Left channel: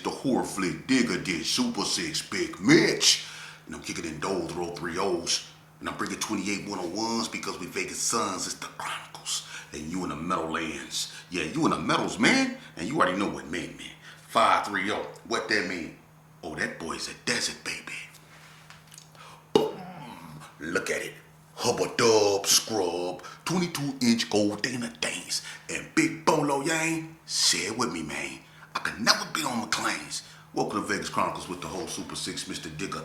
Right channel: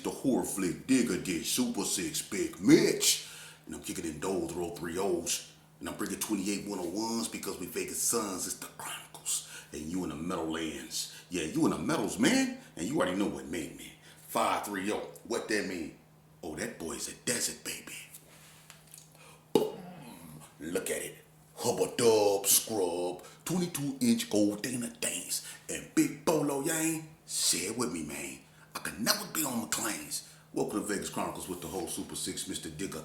Mr. Horflick Digger did Super 6 Big Mitch. And I'm kicking in those roll 3 O's. And I'm bringing 28 101s because we Vegas Suns. It's the Chronicles. And you in the Meadowlands. Yeah, you in the Meadows, man. And you already know what it mean, man. 530. What that mean? Oh, that boy's a desert baby. Boom. Look at it. Hubba dub scrub. 22-inch gold Dana things. And Big Bolo Yang. Say it with me, man. I could never be on McLean's. Welcome to Vegas Chronicles with the whole Super 6, Mr. Digger.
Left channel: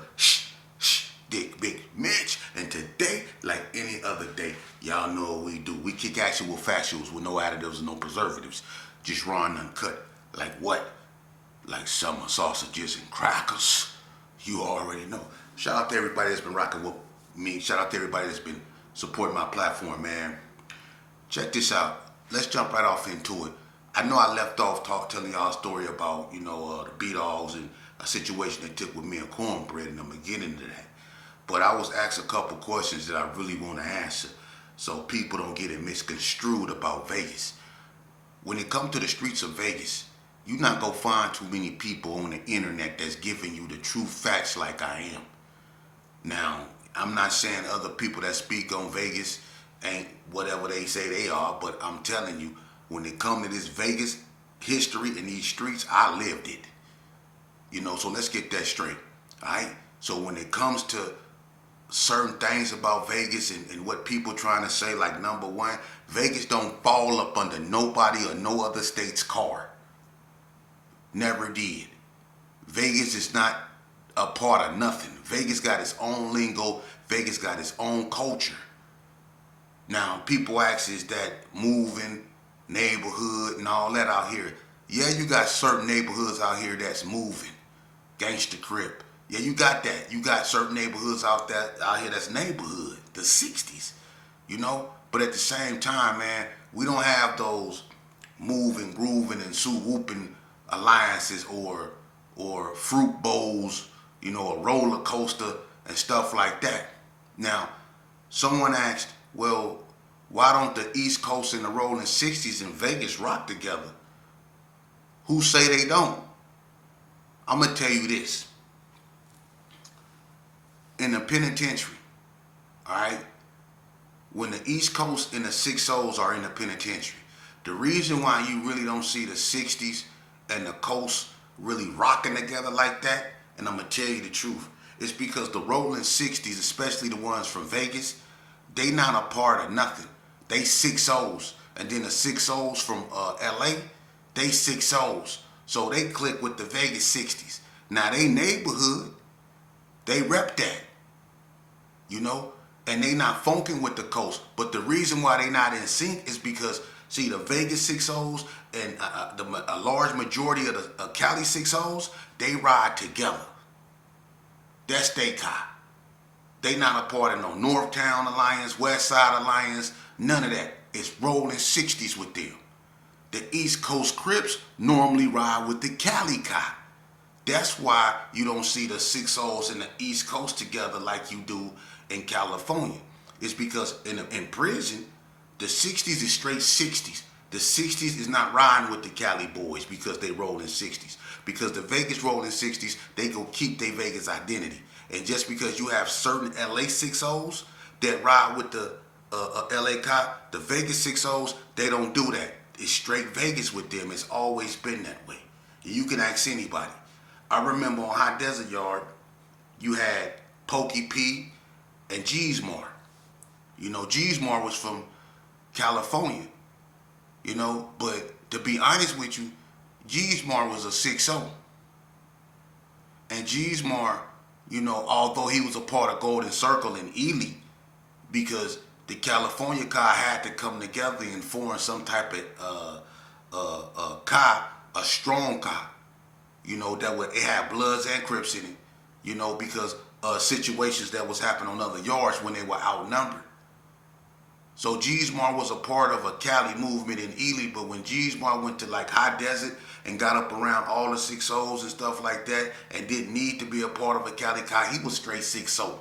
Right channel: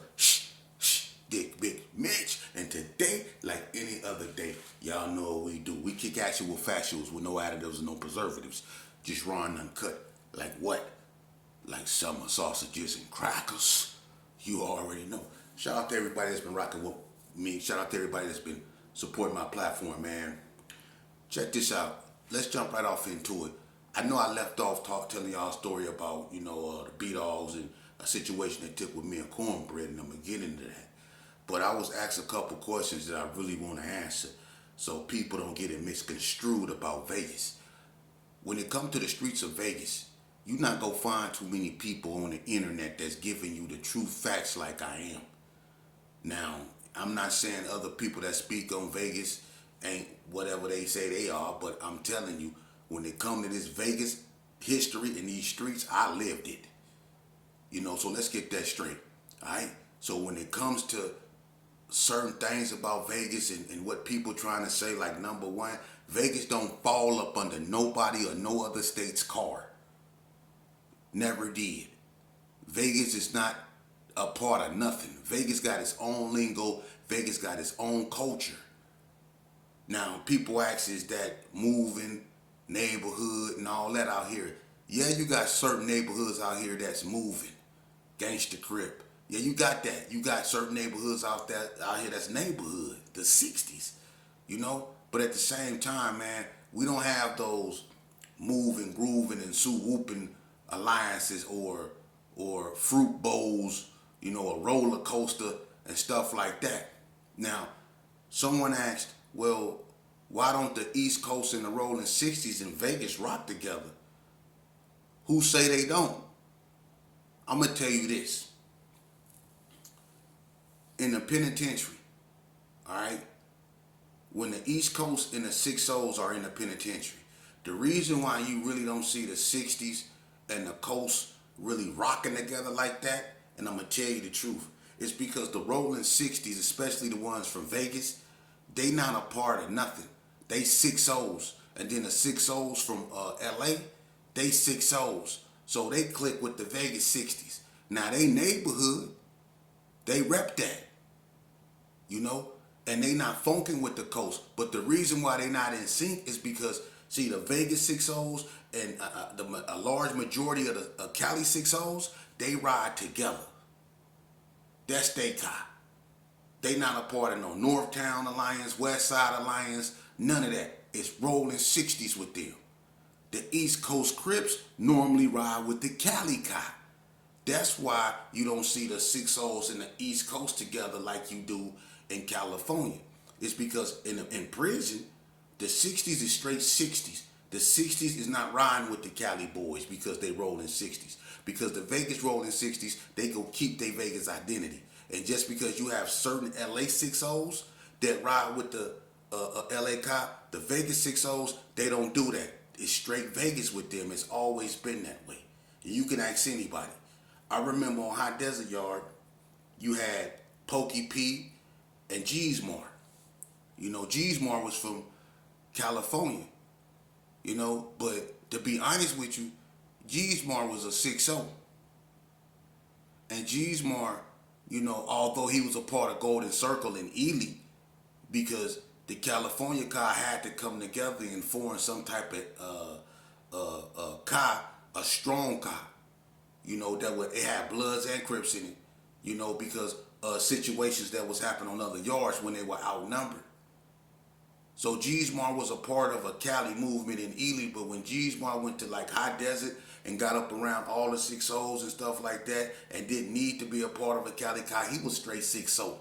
Dick Big Mitch. And today, like any other day, y'all know what we do. We kick action with factuals with no additives and no preservatives. Just raw and uncut. Like what? Like summer sausages and crackers. You already know. Shout out to everybody that's been rocking with me. Shout out to everybody that's been supporting my platform, man. Check this out. Let's jump right off into it. I know I left off telling y'all a story about, the B-Dogs and a situation they took with me and Cornbread, and I'm going to get into that. But I was asked a couple questions that I really want to answer so people don't get it misconstrued about Vegas. When it comes to the streets of Vegas, you're not going to find too many people on the internet that's giving you the true facts like I am. Now, I'm not saying other people that speak on Vegas ain't whatever they say they are, but I'm telling you, when it comes to this Vegas history and these streets, I lived it. So let's get that straight. All right? So when it comes to certain things about Vegas and what people trying to say, like number one, Vegas don't fall up under nobody or no other state's car. Never did. Vegas is not a part of nothing. Vegas got its own lingo. Vegas got its own culture. Now, people ask, is that moving neighborhood and all that out here? Yeah, you got certain neighborhoods out here that's moving. Gangsta Crip. Yeah, you got that. You got certain neighborhoods out here that's neighborhood. The 60s. But at the same time, man, we don't have those moving, grooving, and swooping alliances or fruit bowls, a roller coaster and stuff like that. Now, someone asked, well, why don't the East Coast and the Rolling 60s and Vegas rock together? Who say they don't? I'm going to tell you this. In the penitentiary, all right, when the East Coast and the 6-0s are in the penitentiary, the reason why you really don't see the 60s and the coast really rocking together like that, and I'm going to tell you the truth, is because the Rolling 60s, especially the ones from Vegas, they not a part of nothing. They 6-0s. And then the 6-0s from LA, they 6-0s. So they click with the Vegas 60s. Now they neighborhood, they rep that. And they not funking with the coast. But the reason why they not in sync is because, see, the Vegas 6-0s and a large majority of the Cali 6-0s, they ride together. That's they car. They not a part of no Northtown Alliance, West Side Alliance, none of that. It's Rolling 60s with them. The East Coast Crips normally ride with the Cali car. That's why you don't see the 6-0s in the East Coast together like you do in California. It's because in prison, the 60s is straight 60s. The 60s is not riding with the Cali boys because they rolling 60s. Because the Vegas rolling 60s, they go keep their Vegas identity. And just because you have certain LA 6-0s that ride with the LA cop, the Vegas 6-0s, they don't do that. It's straight Vegas with them. It's always been that way. You can ask anybody. I remember on High Desert Yard, you had Pokey P and Geesmar. Geesmar was from California. But to be honest with you, Geesmar was a 6-0. And Geesmar, although he was a part of Golden Circle and Ely, because the California car had to come together and form some type of car, a strong car, that would, it had Bloods and Crips in it, because situations that was happening on other yards when they were outnumbered. So Geesmar was a part of a Cali movement in Ely, but when Geesmar went to like High Desert and got up around all the 6-0s and stuff like that and didn't need to be a part of a Cali car, he was straight 6-0.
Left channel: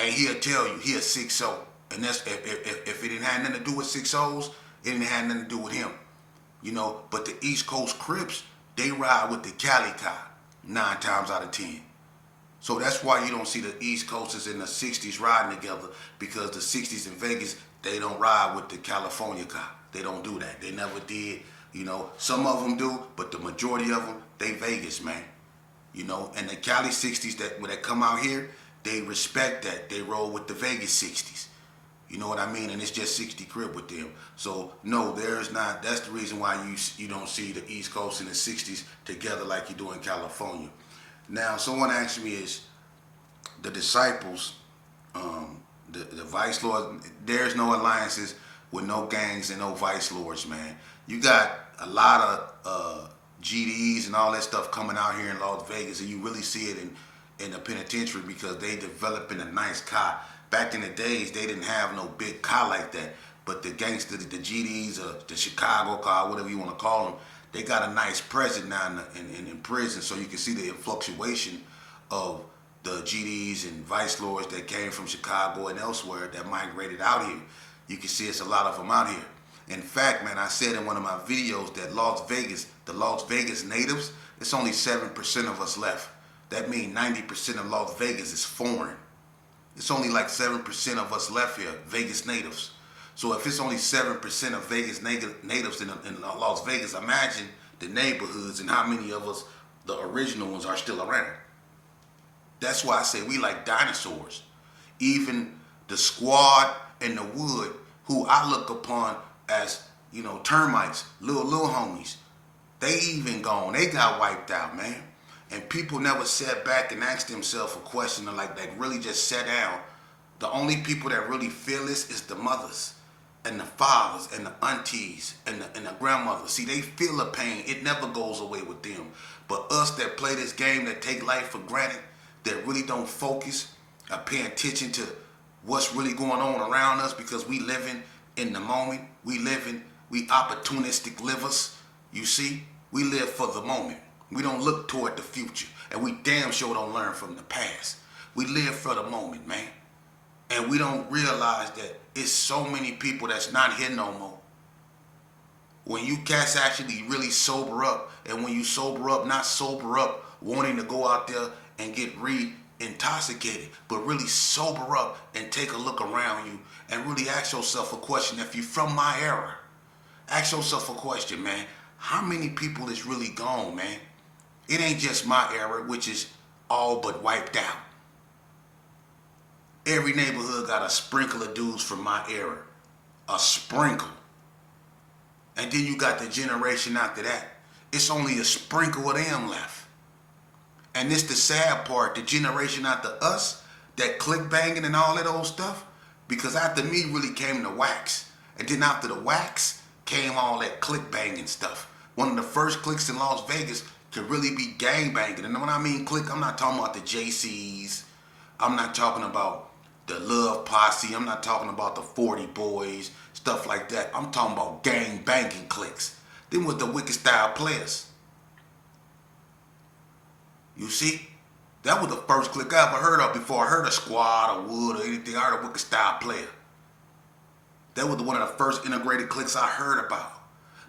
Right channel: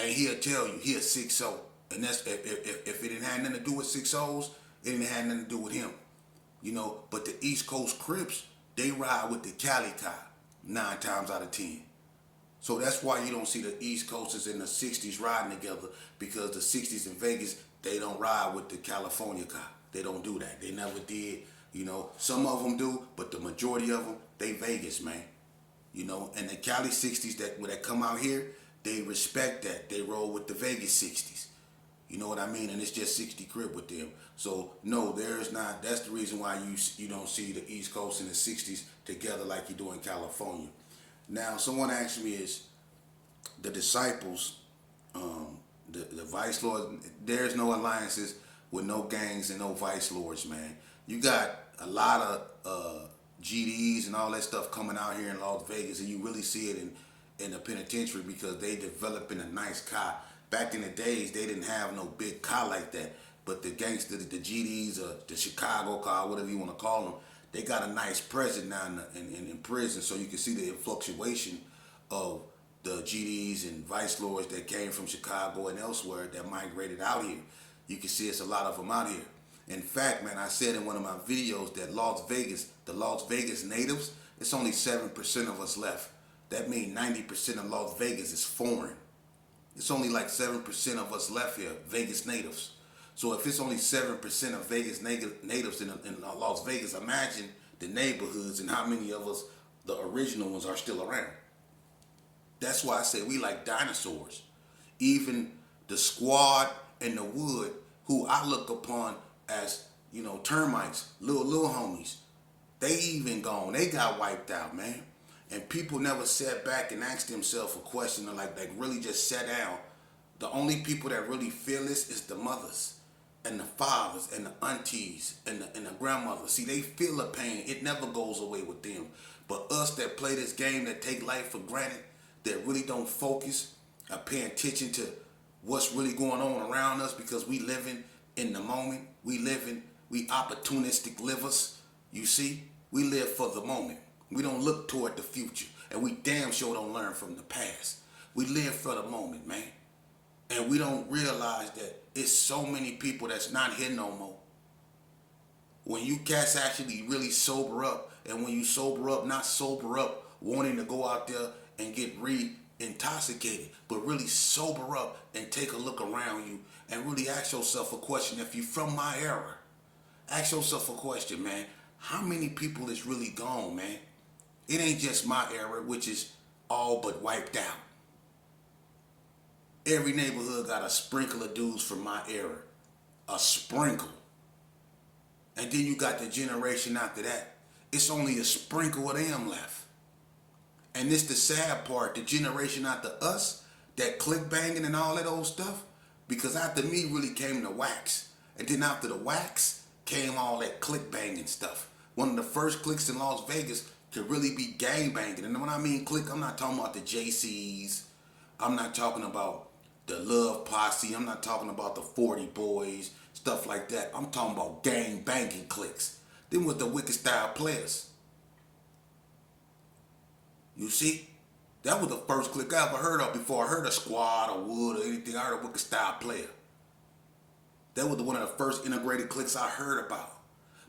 And he'll tell you, he a 6-0. And that's if it didn't have nothing to do with 6-0s, it didn't have nothing to do with him. But the East Coast Crips, they ride with the Cali Cop 9 times out of 10. So that's why you don't see the East Coasters in the 60s riding together, because the 60s in Vegas, they don't ride with the California cop. They don't do that. They never did. Some of them do, but the majority of them, they Vegas, man. And the Cali 60s when they come out here, they respect that. They roll with the Vegas 60s. You know what I mean? And it's just 60 crib with them. So no, there's not. That's the reason why you don't see the East Coast and the 60s together like you do in California. Now, someone asked me, is the disciples, the vice lords, there's no alliances with no gangs and no vice lords, man. You got a lot of GDs and all that stuff coming out here in Las Vegas, and you really see it in the penitentiary, because they developing a nice car. Back in the days, they didn't have no big car like that, but the gangsters, the GDs, the Chicago car, whatever you want to call them, they got a nice presence now in prison, so you can see the fluctuation of the GDs and vice lords that came from Chicago and elsewhere that migrated out here. You can see it's a lot of them out here. In fact, man, I said in one of my videos that the Las Vegas natives, it's only 7% of us left. That means 90% of Las Vegas is foreign. It's only like 7% of us left here, Vegas natives. So if it's only 7% of Vegas natives in Las Vegas, imagine the neighborhoods and how many of us, the original ones, are still around. That's why I say we like dinosaurs. Even the squad and the wood, who I look upon as, termites, little homies, they even gone. They got wiped out, man. And people never sat back and asked themselves a question, or like that really just sat down. The only people that really feel this is the mothers and the fathers and the aunties and the grandmothers. See, they feel the pain. It never goes away with them. But us that play this game, that take life for granted, that really don't focus or pay attention to what's really going on around us, because we living in the moment. We opportunistic livers. You see, we live for the moment. We don't look toward the future, and we damn sure don't learn from the past. We live for the moment, man. And we don't realize that it's so many people that's not here no more. When you cats actually really sober up, and when you sober up, not sober up wanting to go out there and get re-intoxicated, but really sober up and take a look around you and really ask yourself a question. If you're from my era, ask yourself a question, man. How many people is really gone, man? It ain't just my era, which is all but wiped out. Every neighborhood got a sprinkle of dudes from my era. A sprinkle. And then you got the generation after that. It's only a sprinkle of them left. And this the sad part, the generation after us, that click banging and all that old stuff, because after me really came the wax. And then after the wax came all that click banging stuff. One of the first clicks in Las Vegas to really be gang banging. And when I mean click, I'm not talking about the JCs. I'm not talking about the Love Posse. I'm not talking about the 40 Boys, stuff like that. I'm talking about gang banging clicks. Then with the wicked style players. You see? That was the first click I ever heard of before I heard a squad or wood or anything. I heard a wicked style player. That was one of the first integrated clicks I heard about.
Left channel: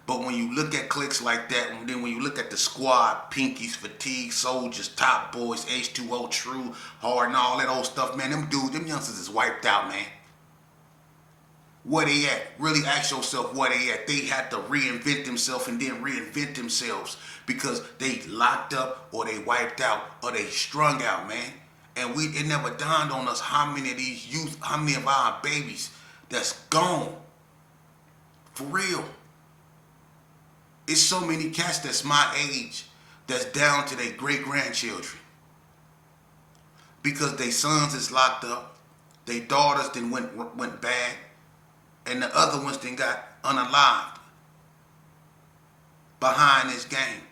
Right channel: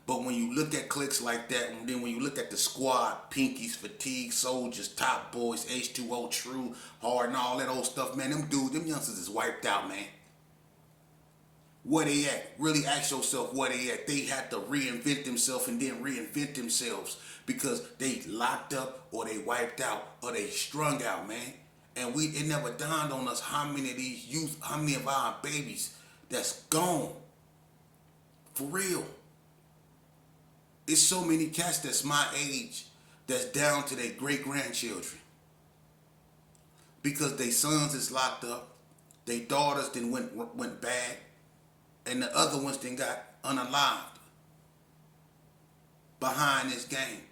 But when you look at cliques like that, and then when you look at the squad, Pinkies, Fatigue, Soldiers, Top Boys, H2O, True, Hard, and all that old stuff, man, them youngsters is wiped out, man. Where they at? Really ask yourself where they at. They had to reinvent themselves and then reinvent themselves because they locked up or they wiped out or they strung out, man. And it never dawned on us how many of these youth, how many of our babies that's gone. For real. It's so many cats that's my age that's down to their great-grandchildren. Because their sons is locked up, their daughters then went bad, and the other ones then got unalived behind this game.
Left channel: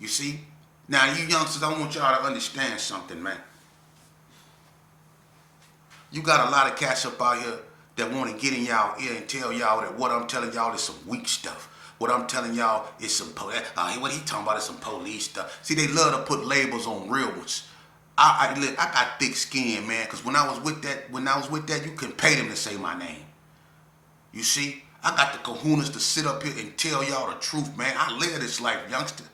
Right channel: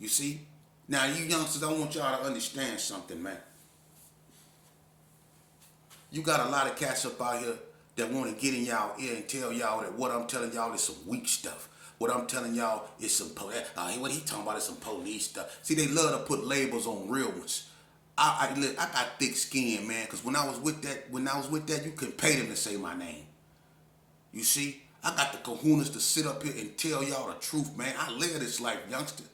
You see? Now, you youngsters, I want y'all to understand something, man. You got a lot of cats up out here that want to get in y'all ear and tell y'all that what I'm telling y'all is some weak stuff. What I'm telling y'all is some, what he talking about is some police stuff. See, they love to put labels on real ones. I got thick skin, man, because when I was with that, you couldn't pay them to say my name. You see, I got the kahunas to sit up here and tell y'all the truth, man. I live this life, youngster.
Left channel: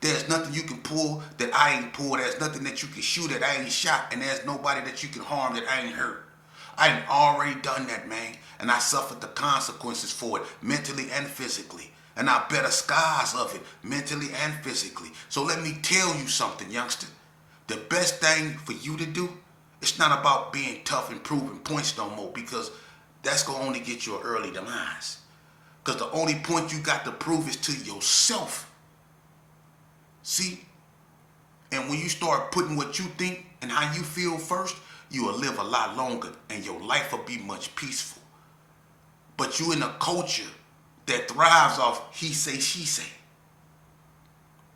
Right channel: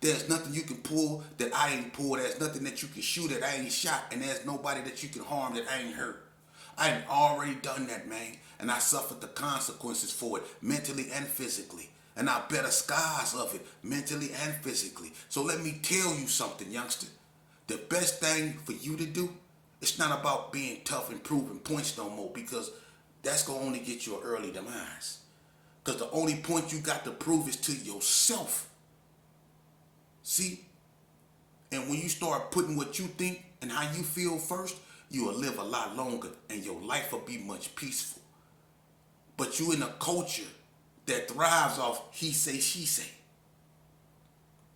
There's nothing you can pull that I ain't pulled. There's nothing that you can shoot that I ain't shot. And there's nobody that you can harm that I ain't hurt. I ain't already done that, man. And I suffered the consequences for it, mentally and physically. And I bear the scars of it, mentally and physically. So let me tell you something, youngster. The best thing for you to do, it's not about being tough and proving points no more, because that's going to only get you an early demise. Because the only point you got to prove is to yourself. See? And when you start putting what you think and how you feel first, you will live a lot longer and your life will be much peaceful. But you in a culture that thrives off he say, she say.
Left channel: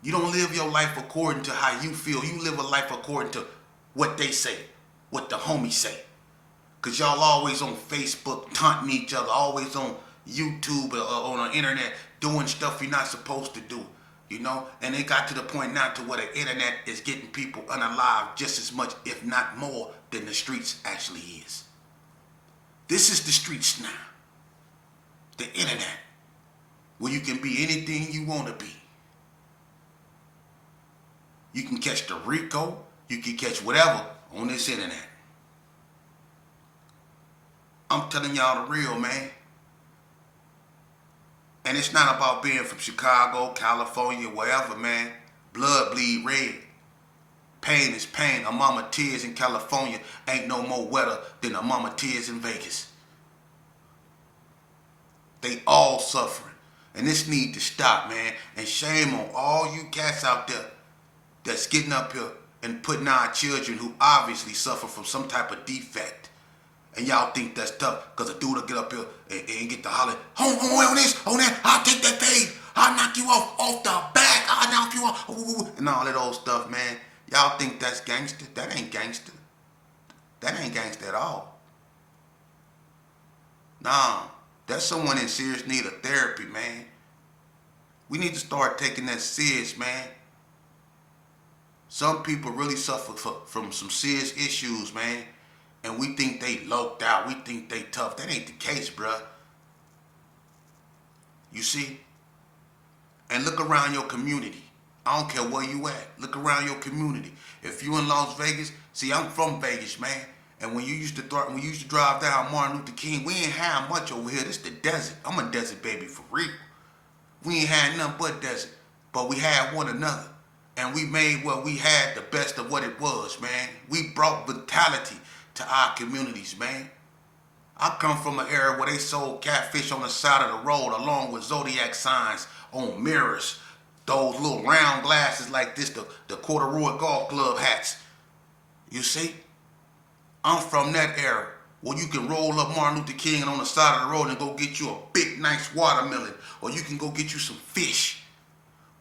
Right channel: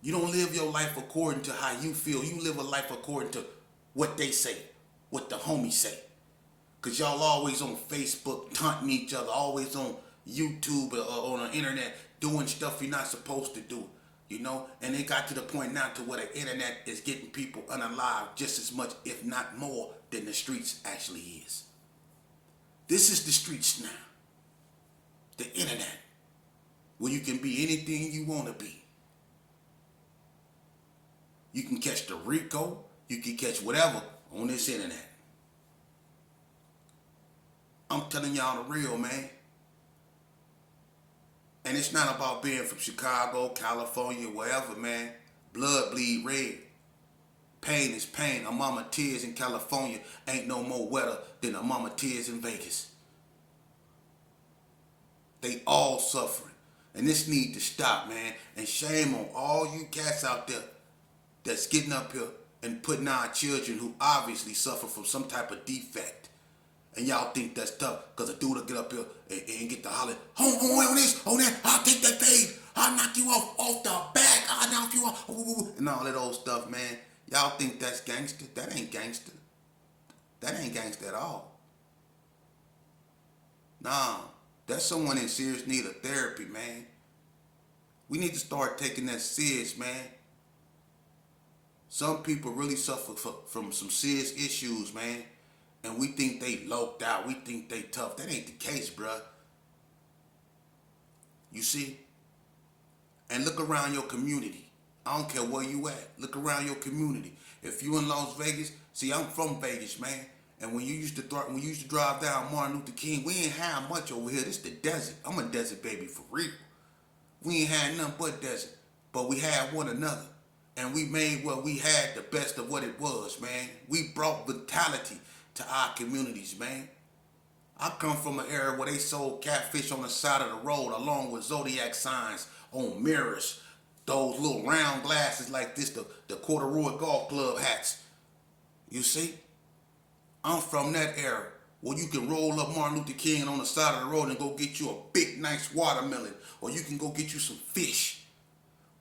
You don't live your life according to how you feel. You live a life according to what they say, what the homies say. Because y'all always on Facebook taunting each other, always on YouTube or on the internet doing stuff you're not supposed to do. You know, and it got to the point now to where the internet is getting people unalive just as much, if not more, than the streets actually is. This is the streets now. The internet, where you can be anything you want to be. You can catch the Rico, you can catch whatever on this internet. I'm telling y'all the real, man. And it's not about being from Chicago, California, wherever, man. Blood bleed red. Pain is pain. A mama tears in California ain't no more wetter than a mama tears in Vegas. They all suffering. And this need to stop, man. And shame on all you cats out there that's getting up here and putting our children who obviously suffer from some type of defect. And y'all think that's tough because a dude will get up here and get to holler, on this, on that, I'll take that fade. I'll knock you off the back. I'll knock you off. And all that old stuff, man. Y'all think that's gangster? That ain't gangster. That ain't gangster at all. Nah, that's someone in serious need of therapy, man. We need to start taking that serious, man. Some people really suffer from some serious issues, man. And we think they loped out. We think they tough. That ain't the case, bruh. You see? And look around your community. I don't care where you at. Look around your community. If you in Las Vegas, see, I'm from Vegas, man. And when you used to drive down Martin Luther King, we ain't had much over here. This the desert. I'm a desert baby for real. We ain't had nothing but desert. But we had one another. And we made what we had the best of what it was, man. We brought vitality to our communities, man. I come from an era where they sold catfish on the side of the road along with zodiac signs on mirrors. Those little round glasses like this, the corduroy golf club hats. You see? I'm from that era where you can roll up Martin Luther King on the side of the road and go get you a big, nice watermelon. Or you can go get you some fish.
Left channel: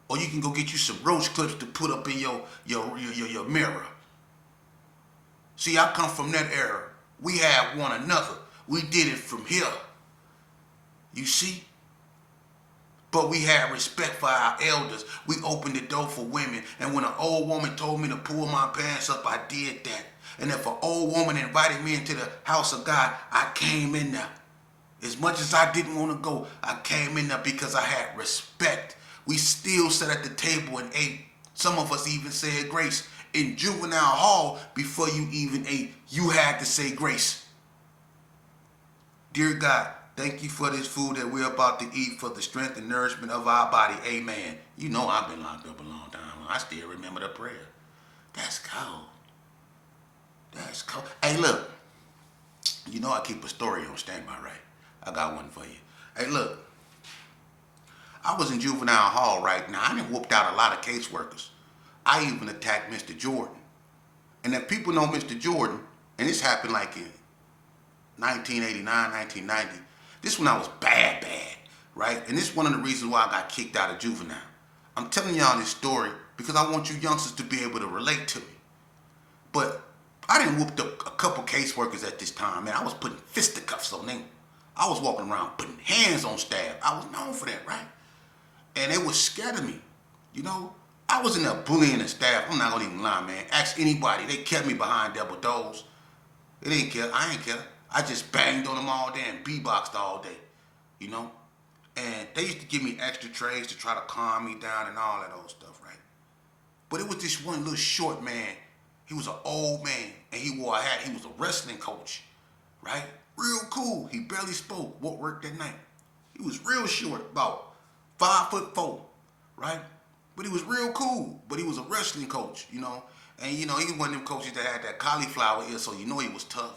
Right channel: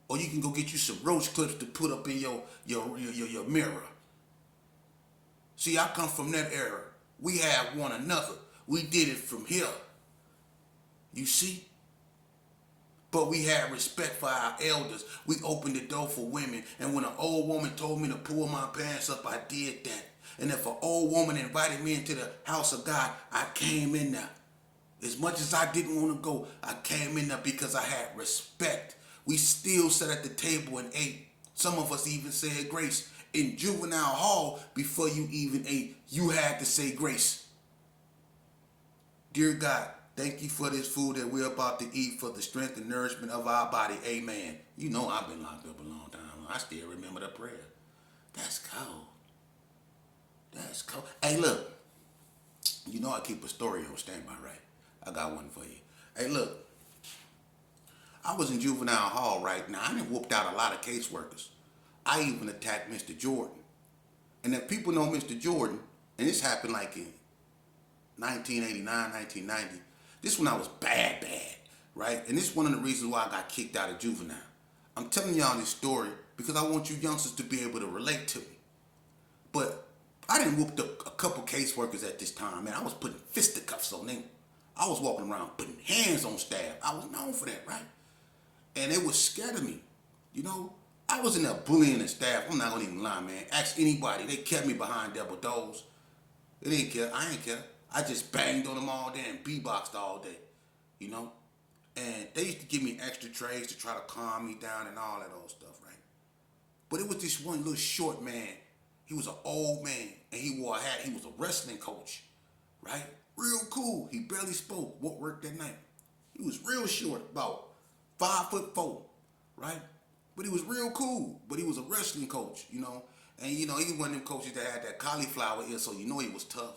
Or you can go get you some roach clips to put up in your mirror. See, I come from that era. We had one another. We did it from here. You see? But we had respect for our elders. We opened the door for women. And when an old woman told me to pull my pants up, I did that. And if an old woman invited me into the house of God, I came in there. As much as I didn't want to go, I came in there because I had respect. We still sat at the table and ate. Some of us even said grace. In juvenile hall, before you even ate, you had to say grace. Dear God, thank you for this food that we're about to eat for the strength and nourishment of our body. Amen. You know I've been locked up a long time. I still remember the prayer. That's cold. That's cold. Hey, look. You know I keep a story on standby, right? I got one for you. Hey, look. I was in juvenile hall right now. I done whooped out a lot of caseworkers. I even attacked Mr. Jordan. And if people know Mr. Jordan, and this happened like in 1989, 1990, this when I was bad, right? And this is one of the reasons why I got kicked out of juvenile. I'm telling y'all this story because I want you youngsters to be able to relate to me. But I done whooped up a couple caseworkers at this time, man. I was putting fisticuffs on them. I was walking around putting hands on staff. I was known for that, right? And they was scared of me, you know? I was in there bullying the staff. I'm not gonna even lie, man. Ask anybody. They kept me behind double doors. It ain't care. I ain't care. I just banged on them all day and beatboxed all day. you know. And they used to give me extra trays to try to calm me down and all that old stuff, right? But it was this one little short man. He was an old man, and he wore a hat. He was a wrestling coach, right? Real cool. He barely spoke. What worked that night? He was real short, about 5'4", right? But he was real cool. But he was a wrestling coach, you know. And you know, he was one of them coaches that had that cauliflower ear, so you know he was tough.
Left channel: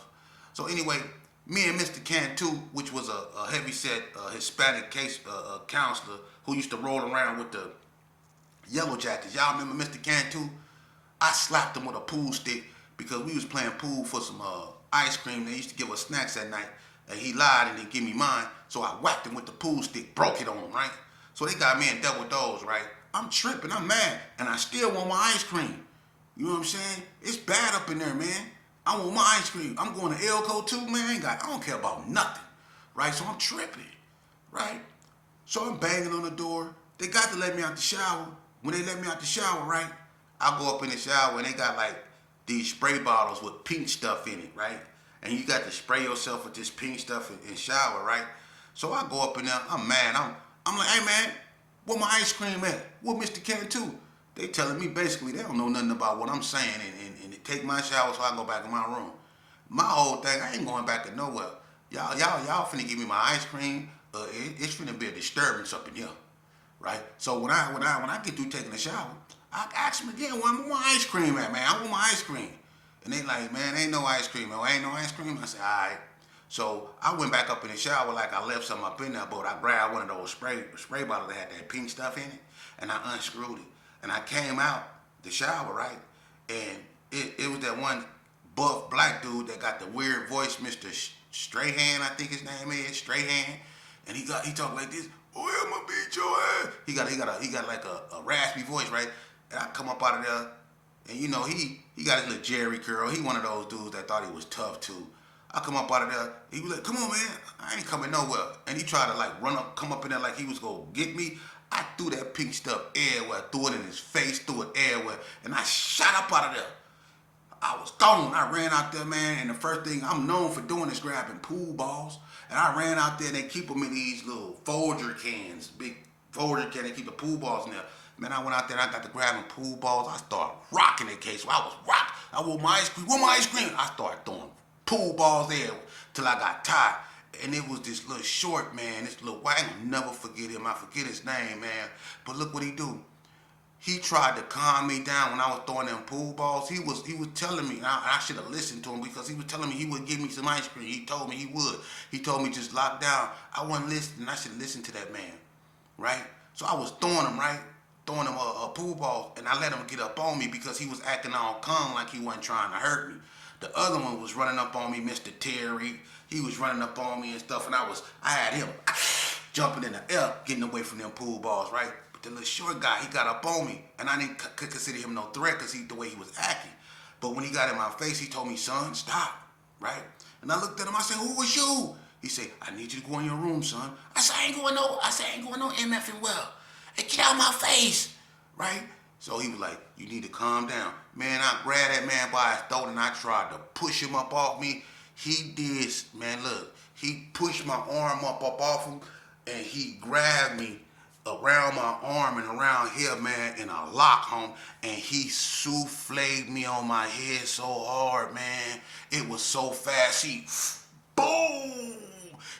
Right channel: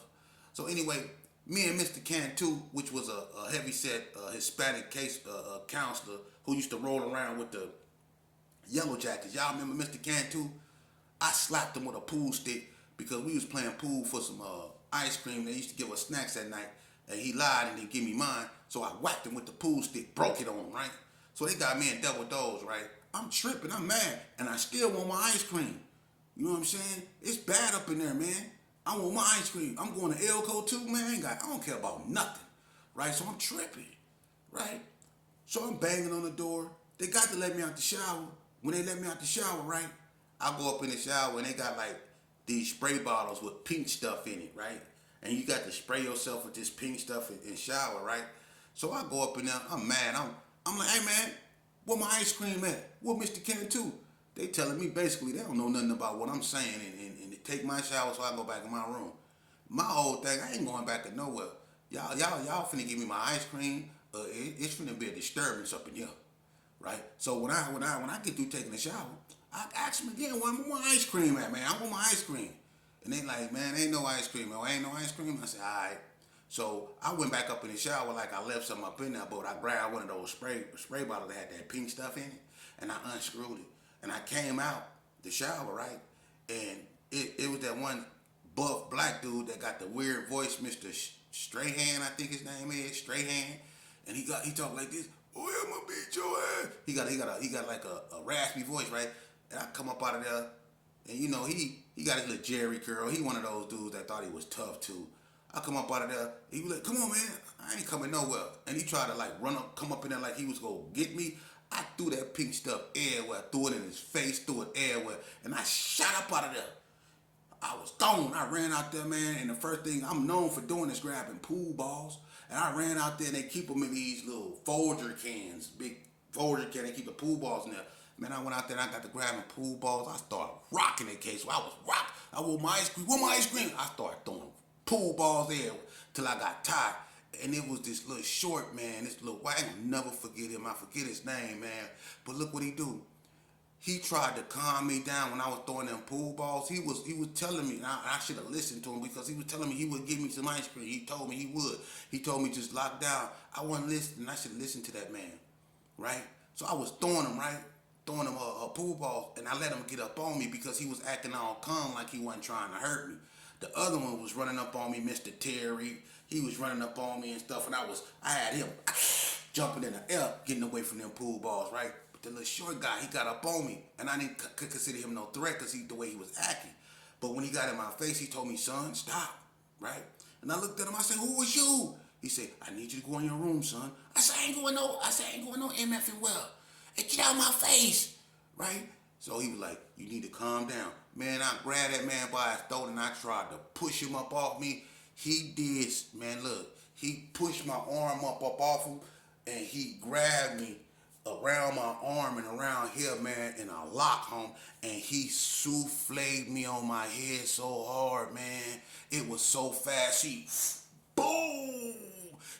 So anyway, me and Mr. Cantu, which was a heavyset Hispanic case counselor who used to roll around with the yellow jackets. Y'all remember Mr. Cantu? I slapped him with a pool stick because we was playing pool for some ice cream. They used to give us snacks at night. And he lied and didn't give me mine. So I whacked him with the pool stick, broke it on him, right? So they got me in double dose, right? I'm tripping, I'm mad, and I still want my ice cream. You know what I'm saying? It's bad up in there, man. I want my ice cream. I'm going to Elko too, man. I don't care about nothing, right? So I'm tripping, right? So I'm banging on the door. They got to let me out the shower. When they let me out the shower, right? I go up in the shower and they got like these spray bottles with pink stuff in it, right? And you got to spray yourself with this pink stuff in shower, right? So I go up in there. I'm mad. I'm like, hey man, where my ice cream at? Where Mr. Cantu? They telling me basically they don't know nothing about what I'm saying and they take my shower so I can go back in my room. My whole thing, I ain't going back to nowhere. Y'all finna give me my ice cream. It's finna be a disturbance up in here, right? So when I get through taking a shower, I ask them again, where my ice cream at, man? I want my ice cream. And they like, man, ain't no ice cream. Oh, ain't no ice cream? I said, all right. So I went back up in the shower like I left something up in there, but I grabbed one of those spray bottles that had that pink stuff in it, and I unscrewed it. And I came out the shower, right? And it was that one buff black dude that got the weird voice, Mr. Strahan, I think his name is, Strahan. And he talked like this, oh, I'm gonna beat your ass. He got like a raspy voice, right? And I come up out of there, and you know, he got his little Jerry curl. He one of those dudes that thought he was tough too. I come up out of there, he was like, come on, man, I ain't coming nowhere. And he tried to like come up in there like he was gonna get me. I threw that pink stuff everywhere, threw it in his face, threw it everywhere, and I shot up out of there. I was gone. I ran out there, man, and the first thing I'm known for doing is grabbing pool balls. And I ran out there, and they keep them in these little Folger cans, big Folger can. They keep the pool balls in there. Man, I went out there, and I got to grabbing pool balls. I started rocking the case. So I was rocking. I want my ice cream. Want my ice cream? I started throwing pool balls there till I got tired. And it was this little short man, this little white. I ain't gonna never forget him. I forget his name, man. But look what he do. He tried to calm me down when I was throwing them pool balls. He was telling me, I should have listened to him because he was telling me he would give me some ice cream. He told me he would. He told me just lock down. I wasn't listening. I should listen to that man, right? So I was throwing him, right? Throwing him a pool ball, and I let him get up on me because he was acting all calm like he wasn't trying to hurt me. The other one was running up on me, Mr. Terry. He was running up on me and stuff, and I had him jumping in the air, getting away from them pool balls, right? But the little short guy, he got up on me, and I didn't consider him no threat because the way he was acting. But when he got in my face, he told me, son, stop, right? And I looked at him, I said, who was you? He said, I need you to go in your room, son. I said, I ain't going no MFing well. Hey, get out of my face, right? So he was like, you need to calm down. Man, I grabbed that man by his throat and I tried to push him up off me. He did, man, look, he pushed my arm up off him and he grabbed me around my arm and around here, man, in a lock home, and he souffled me on my head so hard, man. It was so fast. He, boom!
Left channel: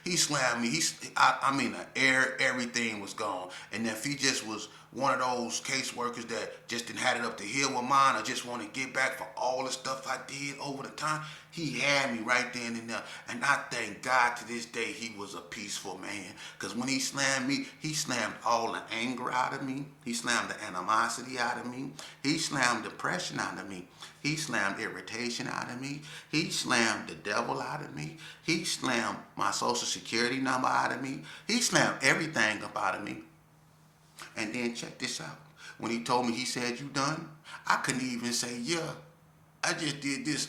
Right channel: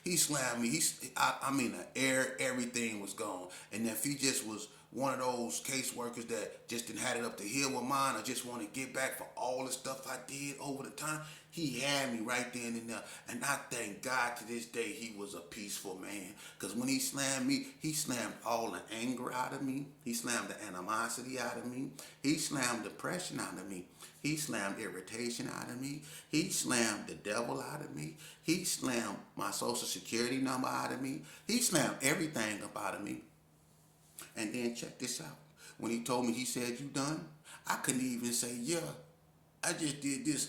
He slammed me. I mean, the air, everything was gone. And if he just was one of those caseworkers that just didn't have it up the hill with mine or just want to get back for all the stuff I did over the time, he had me right then and there. And I thank God to this day he was a peaceful man. Because when he slammed me, he slammed all the anger out of me. He slammed the animosity out of me. He slammed depression out of me. He slammed irritation out of me. He slammed the devil out of me. He slammed my social security number out of me. He slammed everything up out of me. And then check this out. When he told me, he said, you done? I couldn't even say, yeah. I just did this.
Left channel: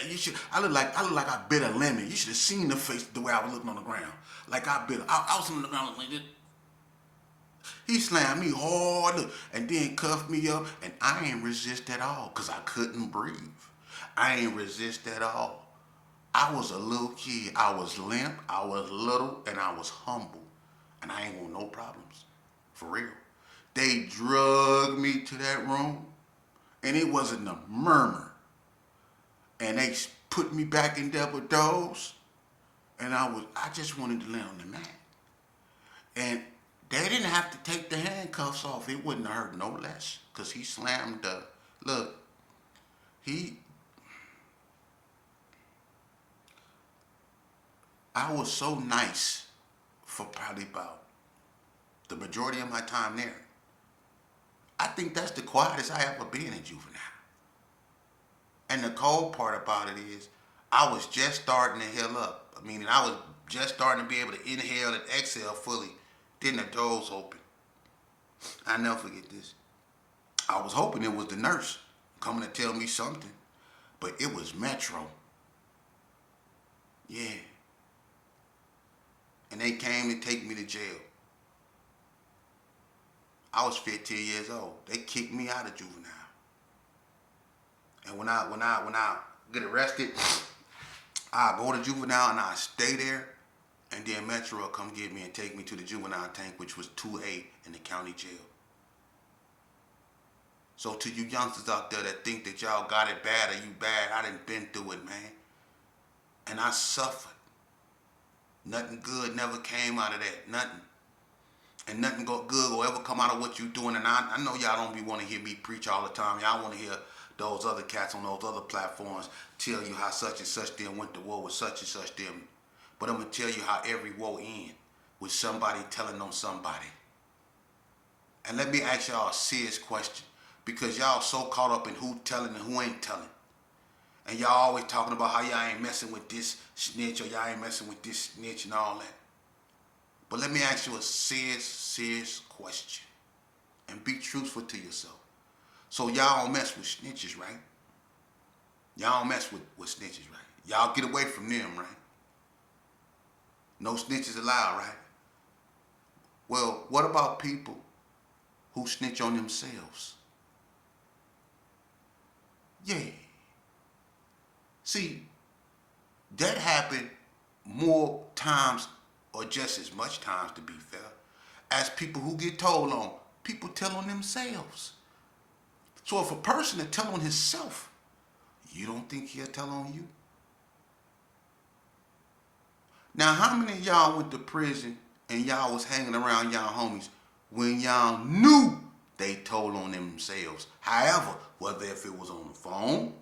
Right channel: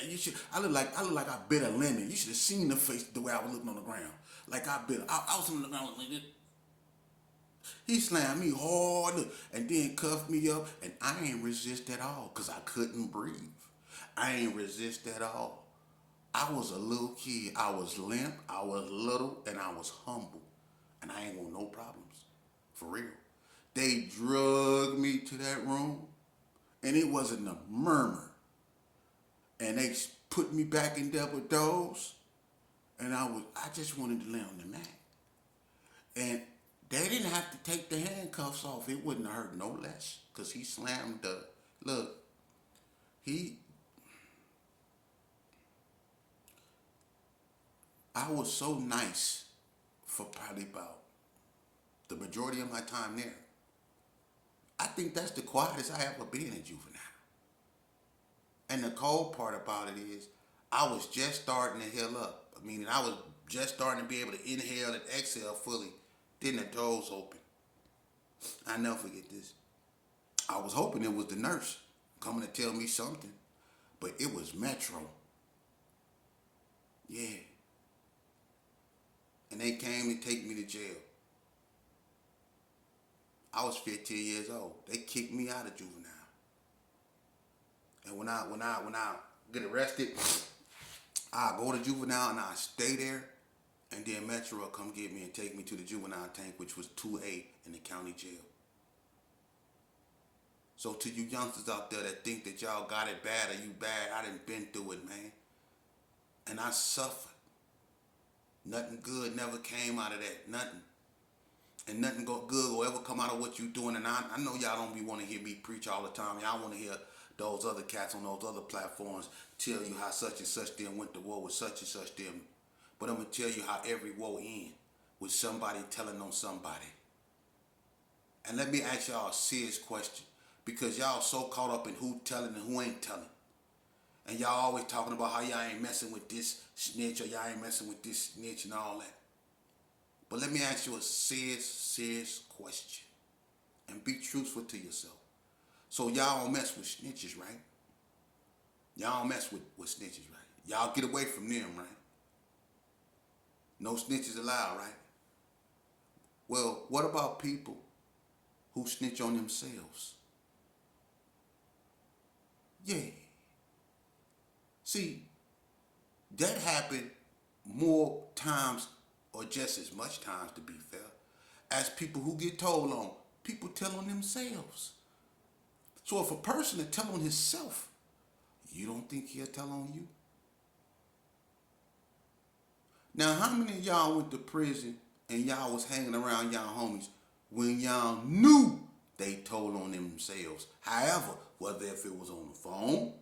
And I look like I bit a lemon. You should have seen the face the way I was looking on the ground. Like I bit. I was on the ground like this. He slammed me hard and then cuffed me up, and I ain't resist at all because I couldn't breathe. I ain't resist at all. I was a little kid. I was limp, I was little, and I was humble. And I ain't want no problems. For real. They drugged me to that room, and it wasn't a murmur. And they put me back in there with those, and I just wanted to lay on the mat. And they didn't have to take the handcuffs off. It wouldn't have hurt no less. Because he slammed the, look, he, I was so nice for probably about the majority of my time there. I think that's the quietest I ever been in juvenile. And the cold part about it is, I was just starting to heal up. I mean, I was just starting to be able to inhale and exhale fully. Then the doors open. I never forget this. I was hoping it was the nurse coming to tell me something, but it was Metro. Yeah. And they came to take me to jail. I was 15 years old. They kicked me out of juvenile. And when I get arrested, I go to juvenile and I stay there, and then Metro will come get me and take me to the juvenile tank, which was 2A in the county jail. So to you youngsters out there that think that y'all got it bad or you bad, I done been through it, man. And I suffered. Nothing good never came out of that. Nothing. And nothing good will ever come out of what you doing. And I know y'all don't be want to hear me preach all the time. Y'all want to hear those other cats on those other platforms tell you how such and such them went to war with such and such them. But I'm going to tell you how every war ends with somebody telling on somebody. And let me ask y'all a serious question. Because y'all so caught up in who telling and who ain't telling. And y'all always talking about how y'all ain't messing with this snitch or y'all ain't messing with this snitch and all that. But let me ask you a serious question. And be truthful to yourself. So y'all don't mess with snitches, right? Y'all don't mess with snitches, right? Y'all get away from them, right? No snitches allowed, right? Well, what about people who snitch on themselves? Yeah. See, that happened more times, or just as much times to be fair, as people who get told on. People tell on themselves. So if a person to tell on himself, you don't think he'll tell on you? Now, how many of y'all went to prison and y'all was hanging around y'all homies when y'all knew they told on themselves? However, whether if it was on the phone,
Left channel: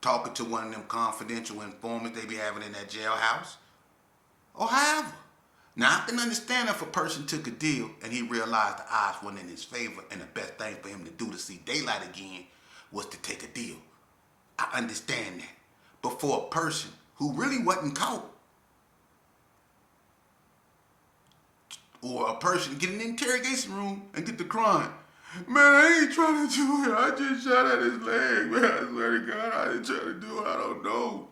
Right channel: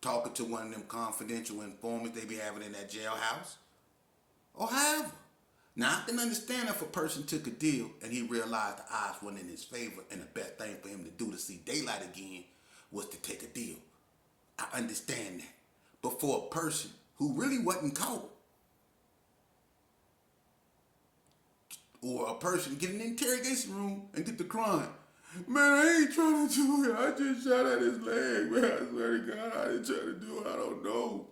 talking to one of them confidential informants they be having in that jailhouse, or however. Now, I can understand if a person took a deal and he realized the odds weren't in his favor and the best thing for him to do to see daylight again was to take a deal. I understand that. But for a person who really wasn't caught, or a person get in the interrogation room and get to crying, man, I ain't trying to do it. I just shot at his leg, man. I swear to God, I didn't try to do it. I don't know.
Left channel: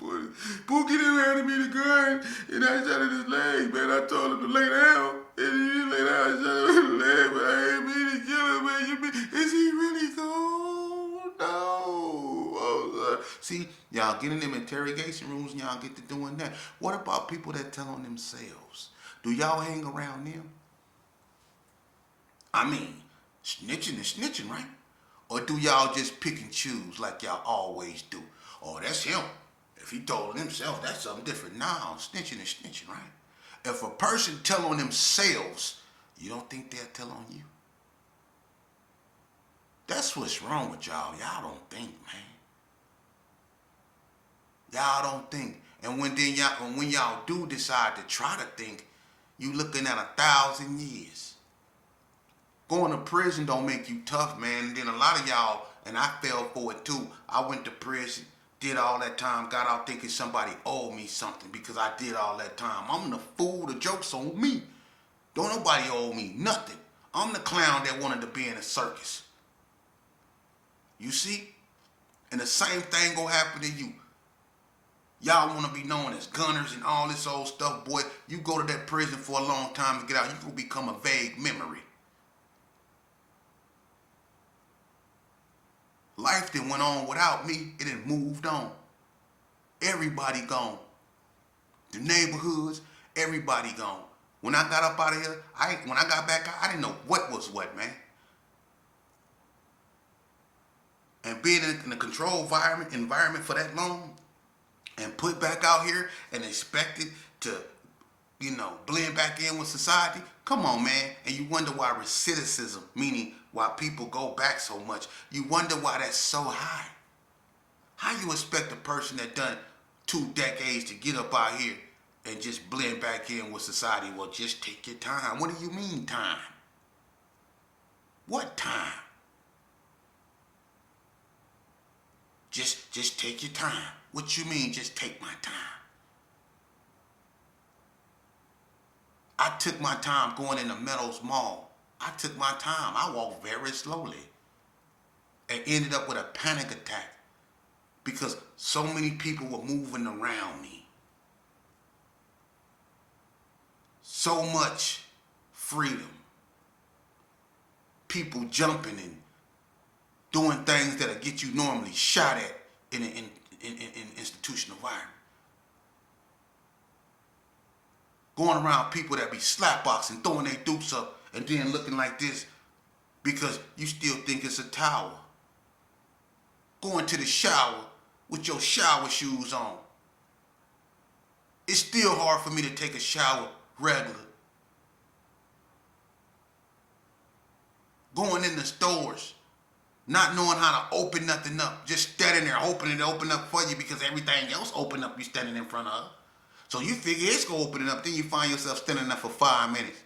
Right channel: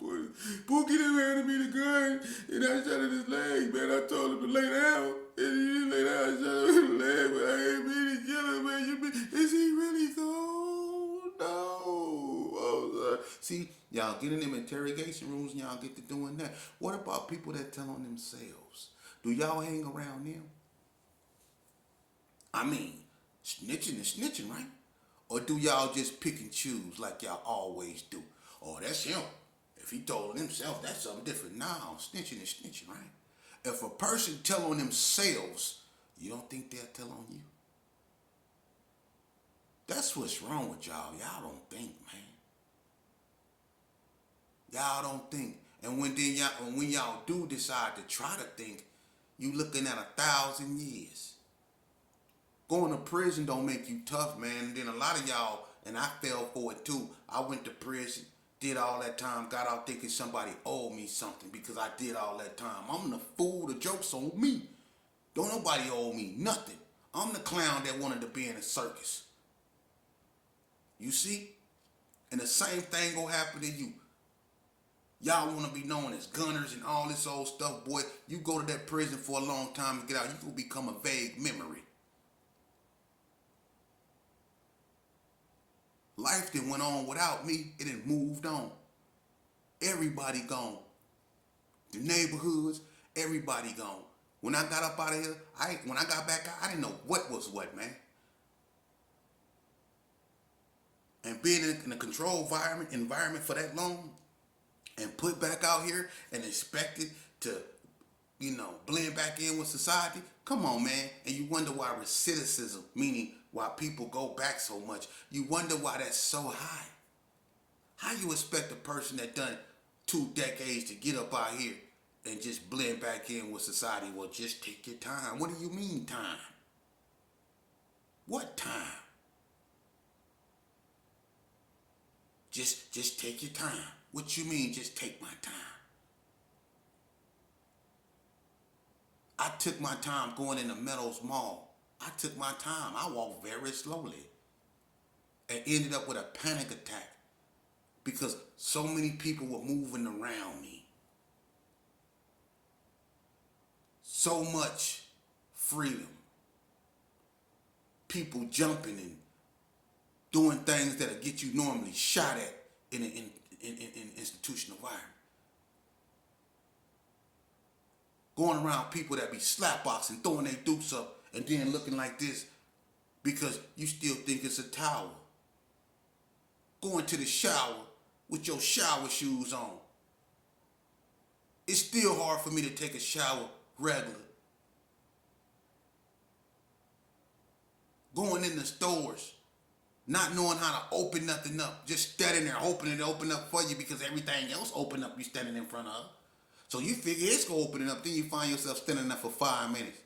Pookie didn't hand me the gun, and I shot at his leg, man. I told him to lay down, and he didn't lay down. I shot him in the leg, but I ain't mean to kill him, man. Is he really gone? No. Oh, see, y'all get in them interrogation rooms, and y'all get to doing that. What about people that tell on themselves? Do y'all hang around them? I mean, snitching is snitching, right? Or do y'all just pick and choose like y'all always do? Oh, that's him. If he told on himself, that's something different. Nah, snitching is snitching, right? If a person tell on themselves, you don't think they'll tell on you? That's what's wrong with y'all. Y'all don't think, man. Y'all don't think. And when y'all do decide to try to think, you looking at 1,000 years. Going to prison don't make you tough, man. And then a lot of y'all, and I fell for it too. I went to prison, did all that time, got out thinking somebody owed me something because I did all that time. I'm the fool, the joke's on me. Don't nobody owe me nothing. I'm the clown that wanted to be in a circus. You see? And the same thing gonna happen to you. Y'all want to be known as gunners and all this old stuff, boy. You go to that prison for a long time to get out, you gonna become a vague memory. Life that went on without me, it had moved on. Everybody gone. The neighborhoods, everybody gone. When I got up out of here, when I got back out, I didn't know what was what, man. And being in a controlled environment for that long and put back out here and expected to, blend back in with society. Come on, man. And you wonder why recidivism, meaning why people go back so much, you wonder why that's so high. How you expect a person that done 2 decades to get up out here and just blend back in with society? Well, just take your time. What do you mean time? What time? Just take your time. What you mean, just take my time? I took my time going in the Meadows Mall. I took my time. I walked very slowly and ended up with a panic attack because so many people were moving around me. So much freedom. People jumping and doing things that'll get you normally shot at in an institutional environment. Going around people that be slapboxing, throwing their dukes up, and then looking like this because you still think it's a tower. Going to the shower with your shower shoes on. It's still hard for me to take a shower regular. Going in the stores, not knowing how to open nothing up, just standing there hoping it open up for you because everything else open up you standing in front of. So you figure it's gonna open it up, then you find yourself standing there for 5 minutes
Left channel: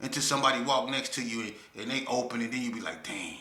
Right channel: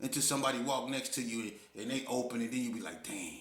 until somebody walk next to you and they open it, then you be like, dang,